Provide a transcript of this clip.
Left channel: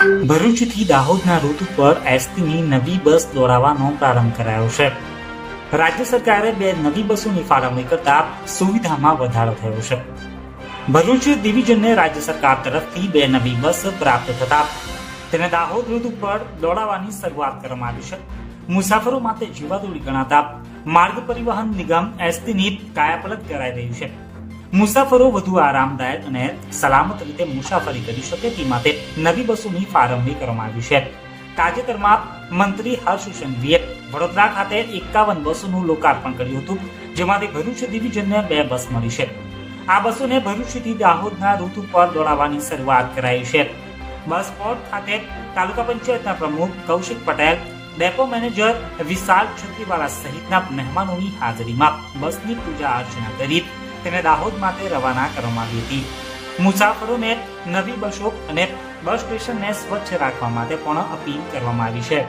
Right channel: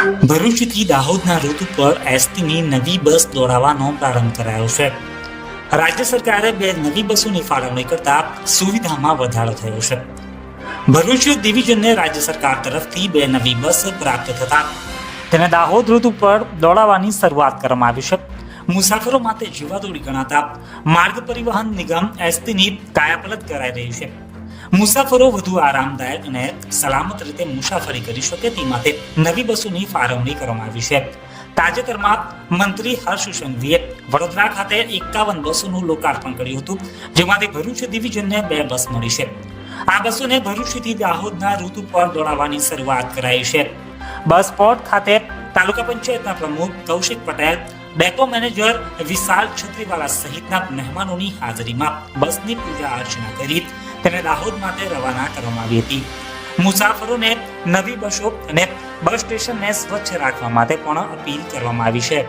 ભરૂચથી દાહોદના રૂટ ઉપર એસટીની નવી બસ દોડાવવાનો પ્રારંભ કરાયો છે. રાજ્ય સરકારે બે નવી બસોની ફાળવણી કરતા સુવિધામાં વધારો થયો છે. ભરૂચ ડિવિઝનને રાજ્ય સરકાર તરફથી બે નવી બસ પ્રાપ્ત થતા તેને દાહોદ રૂટ ઉપર દોડાવવાની શરૂઆત કરવામાં આવી છે. મુસાફરો માટે જીવાદોડી ગણાતા માર્ગ પરિવહન નિગમ એસટીની કાયાપલટ કરાઈ રહી છે. મુસાફરો વધુ આરામદાયક અને સલામત રીતે મુસાફરી કરી શકે તે માટે નવી બસોની ફાળવણી કરવામાં આવી છે. તાજેતરમાં મંત્રી હર્ષ સંઘવીએ વડોદરા ખાતે એકાવન બસોનું લોકાર્પણ કર્યું હતું જેમાંથી ભરૂચ ડિવિઝનને બે બસ મળી છે. આ બસોને ભરૂચથી દાહોદના ઋતુ પર દોડાવવાની શરૂઆત કરાઈ છે. બસ પોર્ટ ખાતે તાલુકા પંચાયતના પ્રમુખ કૌશિક પટેલ, ડેપો મેનેજર વિશાલ છત્રીવાલા સહિતના મહેમાનોની હાજરીમાં બસની પૂજા અર્ચના કરી તેને દાહોદ માટે રવાના કરવામાં આવી હતી. મુસાફરોને નવી બસો અને બસ સ્ટેશનને સ્વચ્છ રાખવા માટે પણ અપીલ કરવામાં આવી છે.